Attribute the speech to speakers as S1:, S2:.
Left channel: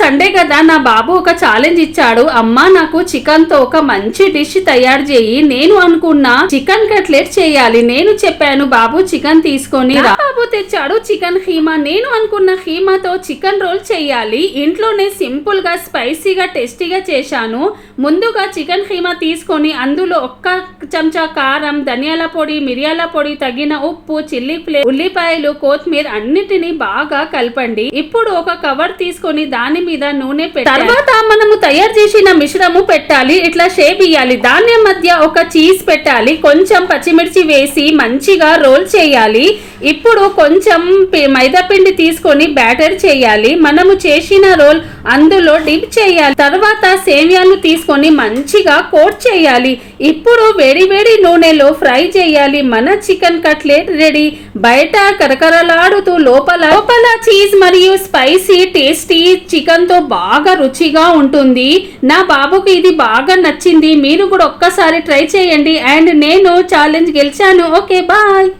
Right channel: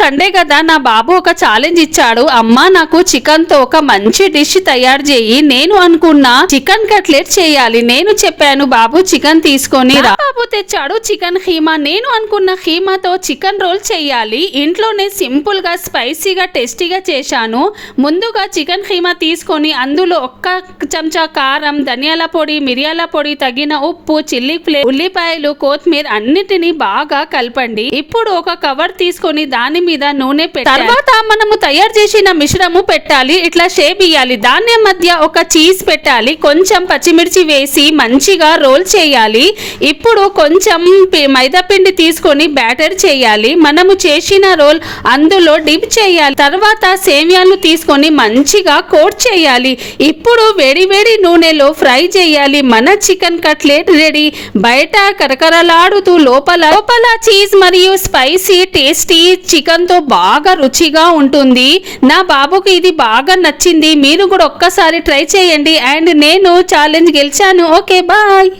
S1: Sunday కదా నా బాబు ఒక ఛాలెంజ్ ఇచ్చాడు. అమ్మ నాకు చికెన్తో ఒక మంచి డిష్ తయారు చేయి. నేను అనుకున్న చికెన్ కట్లెట్ చేయాలి. నేను చెప్పాను బాబు చికెన్ తీసుకొని రా. బాబు తెచ్చాడు చికెన్ హీమా నేను అనుకున్న హీమాతో చికెన్ రోల్ చేయాలి. ఇంట్లోనే సింపుల్గా స్పైసీగా టేస్టీగా చేశాను. ముందుగా చికెన్ హీమా తీసుకొని అందులో ఒక్క చెంచా కారం ధనియాల పొడి మిరియాల పొడి తగిన ఉప్పు చిల్లీ ఫ్లే ఉల్లిపాయలు కొత్తిమీర అన్నిటిని బాగా కలపండి. ఇప్పుడు ఒక కవర్ తీసుకొని దాని మీద నూనె పెట్టాలి తర్వాత మనము తయారు చేసిన మిశ్రము పెట్టాలి ఇట్లా షేప్ ఇయ్యాలి. దాని మధ్య ఒక చీజ్ పెట్టాలి కొంచెం పచ్చిమిర్చి వేసి మంచిగా రోల్ చేయాలి. ఇప్పుడు కొంచెం మైదాపిండి తీసుకొని బ్యాటర్ చేయాలి. మనము చేసిన రోల్ అందులో డిప్ చేయాలి. తర్వాత సేమియాలు తీసుకొని మంచిగా కోట్ చేయాలి. ఇప్పుడు వేడి వేడి నూనెలో ఫ్రై చేయాలి. మన చికెన్ కట్లెట్ రెడీ. బయట కరకరలాడుతూ లోపల లోపల చీజ్ మరియు స్పైసీ టేస్టీ చికెన్ తో బాగా రుచిగా ఉంటుంది. నా బాబుకి ఇది బాగా నచ్చింది. మీరు కూడా ఒక్కసారి ట్రై చేయండి. అండ్ నేను ఛాలెంజ్ గెలిచాను. Okay bye.